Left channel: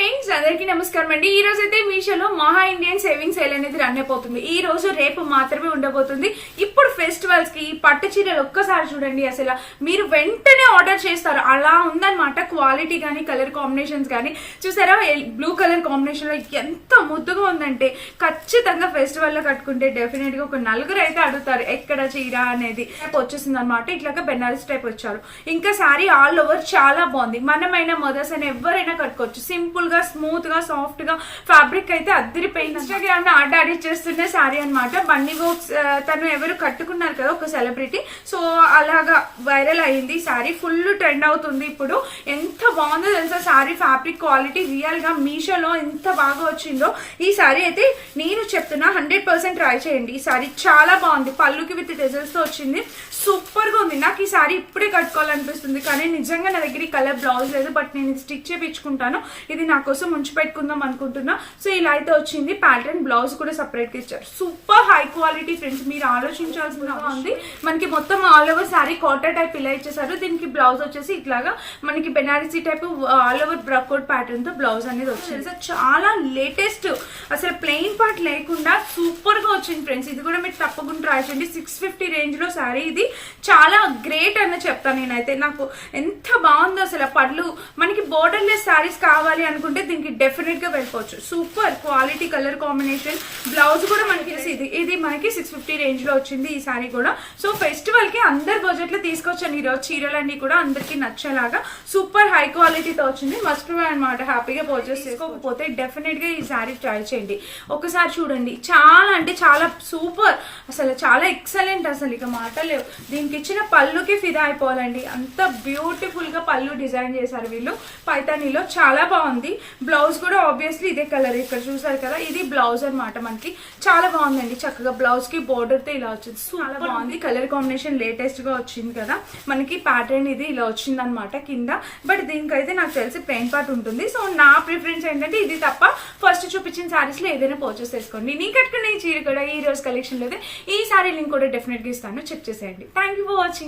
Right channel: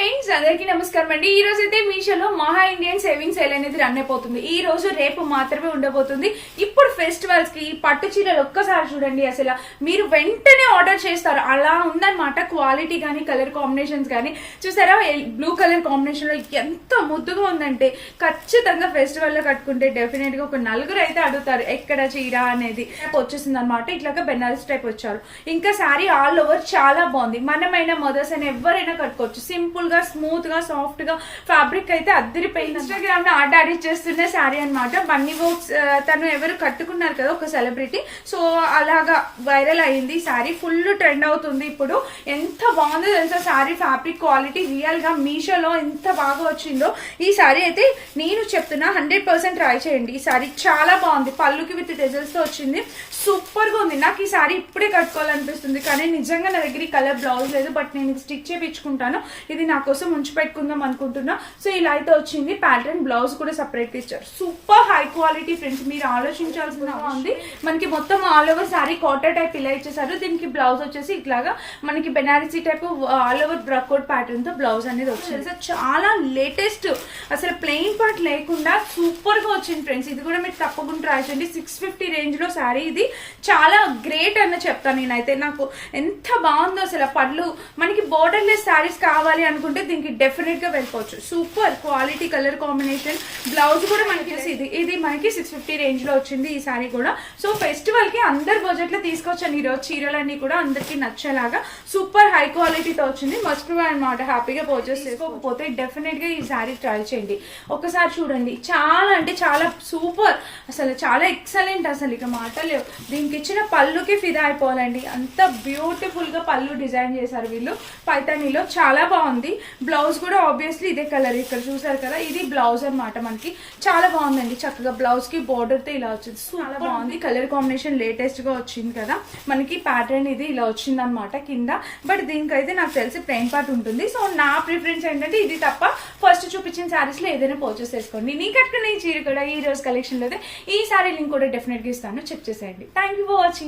Friends అందరికీ నమస్కారం అండి. ఈ రోజు అయితే మీషోలో మహా ఇండియన్ సేవింగ్ సేల్ అనేది రన్ అయిపోతుంది. ఈ రోజు రేపు మాత్రమే ఉండబోతుంది. ఇప్పుడు ఫెస్టివల్స్కి ఈ పట్టు చీరలు ఒక్కసారి చూడండి అసలు. మీరు వెంటనే ఆర్డర్ చేస్తారు. అలా ఉందన్నమాట క్వాలిటీ కానీ కలర్ కాంబినేషన్స్ కానీ చూసారా బ్లూ కలర్ కాంబినేషన్లో ఎంత ముద్దుగా ఉందంటే ఖచ్చితంగా ఫెస్టివల్లో కట్టుకుంటే డెఫినెట్గా ఒక నలుగురు అయితే అడుగుతారు ఎక్కడ చీర అనేది. వచ్చేసింది అనమాట ఇట్లాగా బెనారస్ టైప్ వచ్చారు. ఇంకా సారీ ఆల్ ఓవర్ చాలా బాగుంది. మనమైనా మదర్స్ అని ఎవరైనా కట్టుకోవచ్చు. సింపుల్ గా స్మూత్గా సాఫ్ట్గా ఫ్యాబ్రిక్ అయితే అద్దరిపోయింది ఇన్స్టాగ్రామ్లో ఆర్డర్ అడిట్ చేస్తున్న సారీ అనమాట బన్నీ బోక్స్ తను ఎవరు కట్టుకున్నారు కదా ఒక సెలబ్రిటీ. సో అలాగా వైరల్ అయింది సారీ ఫుల్ ట్రెండ్ అవుతుంది ఇప్పుడు. ఎంత బాగుందో తెలుసా సారీ ఫ్యాబ్రిక్ క్వాలిటీ. రియల్గా మీషోలో ఎంత బాగా వచ్చిందో. ఈ సారీ అయితే నేను చెప్తున్నా హండ్రెడ్ పర్సెంట్ ట్రై చేయండి. ఈ సారీ చాలా బాగుంది. పళ్ళుకి విత్ డెజల్స్తో వచ్చింది. సూపర్గా ఉంది. నాకు ఈ సారీ ఇప్పుడే కట్టుకోవాలనిపిస్తుంది కానీ నిజంగా నా దగ్గర ఈ కలర్ బ్లౌజ్ లేదు బట్ నేను ఇది స్టిచ్ చేయించుకుంటాను ఇది నా కోసం ఉంచి పెట్టుకుందాం అనుకుంటున్నా. సో ఇలా అయితే వచ్చింది ప్యాటర్న్ బ్లౌజ్ కూడా సపరేట్ ఇచ్చారు. సూపర్ హై క్వాలిటీ ఫ్రెండ్స్ మీరు ఆలోచించాల్సిన ఉంది. మనకి మొత్తం ఆల్ ఓవర్ సారీ కాటర్ టైప్ ఇలా ఇచ్చేసారు. దీనికి బ్లౌజ్ వచ్చేసి ఇట్లాగా మనకి బెనారసీ టైప్ ఆల్ ఓవర్ బ్రక్అవుట్ ప్యాటర్న్తో బ్లౌజ్ అనేది వచ్చింది సో చాలా లేటెస్ట్ అసలు ప్లెయిన్ పార్ట్ లేకుండా సూపర్గా వచ్చింది ఫ్రెండ్స్ ఇది కూడా మీరు తప్పకుండా ట్రై చేయండి. సిక్స్ ఫిఫ్టీ రేంజ్లో సారీ ఇది. చాలా గ్రేట్ అని చెప్తాను నేనైతే. నాకు ఎంత బాగుందో అసలు ఆ పళ్ళు. మనకి బోర్డర్ లెస్ సారీస్ కావాలి అనుకుంటే దీనికి డెఫినెట్గా వెళ్ళిపోవచ్చు. Super quality colour combination blouse కూడా మనకి ఇది ఇది మనకి సిక్స్ ఫిఫ్టీ రేంజ్లో వచ్చింది ఈ సారీ కూడా. సో ఫెస్టివల్కి అందరు బడ్జెట్లో తీసుకొచ్చాను ఈ రోజు. చీరలన్నీ కూడా అందరికి నచ్చేలాగా సూపర్ హై క్వాలిటీతో వచ్చింది. మస్ట్ అనమాట హ్యాపీగా పర్చేస్ చేసుకోకపోతే డెఫినెట్గా ఈ సారీ ట్రై చేయండి. ఒకసారి చూడండి. చాలా అంటే చాలా సూపర్ అసలు చాలా ఎక్సలెంట్ అసలు ఇక మాటలేవు దీనికి ఇచ్చిన పళ్ళుకి ఫిదా అయిపోవాలండి. అంత బ్యూటిఫుల్గా పళ్ళు డిజైన్ చేశారు వీళ్ళు. పైతానీలో చాలా బాగుంది. బ్లౌజ్ కూడా ఆబ్వియస్లీ ఇదే కలర్ ఇక్కడ చూసారు కదా ఇది బ్లౌజ్ అన్నమాట మనకి. చాలా బాగుందండి చక్కగా. బ్లౌజ్కి బోర్డర్తో ఇలా వచ్చింది. చాలా బాగుంది. కలర్ కాంబినేషన్ లేటెస్ట్గా వచ్చింది కదా. మనకి ప్యాటర్న్ ఇది ఇలా వచ్చింది అనమాట కింద. బట్ దీనికైతే నాకు తెలిసి ప్లెయిన్ పార్ట్ ఉంటుంది. సో నా ప్రిఫరెన్స్ ఏంటంటే ఇది తప్ప ఫస్ట్ చూపించిన సారీస్లో ఏదైనా పర్చేస్ చేసుకోండి. నీ కట్టుకున్న ఈ చీర కూడా ఈ రోజు కలెక్షన్లో అయితే ఈ సారీ లింక్ కూడా డెఫినెట్గా ఇస్తాను. చెక్ చేసేయండి. Thank you for watching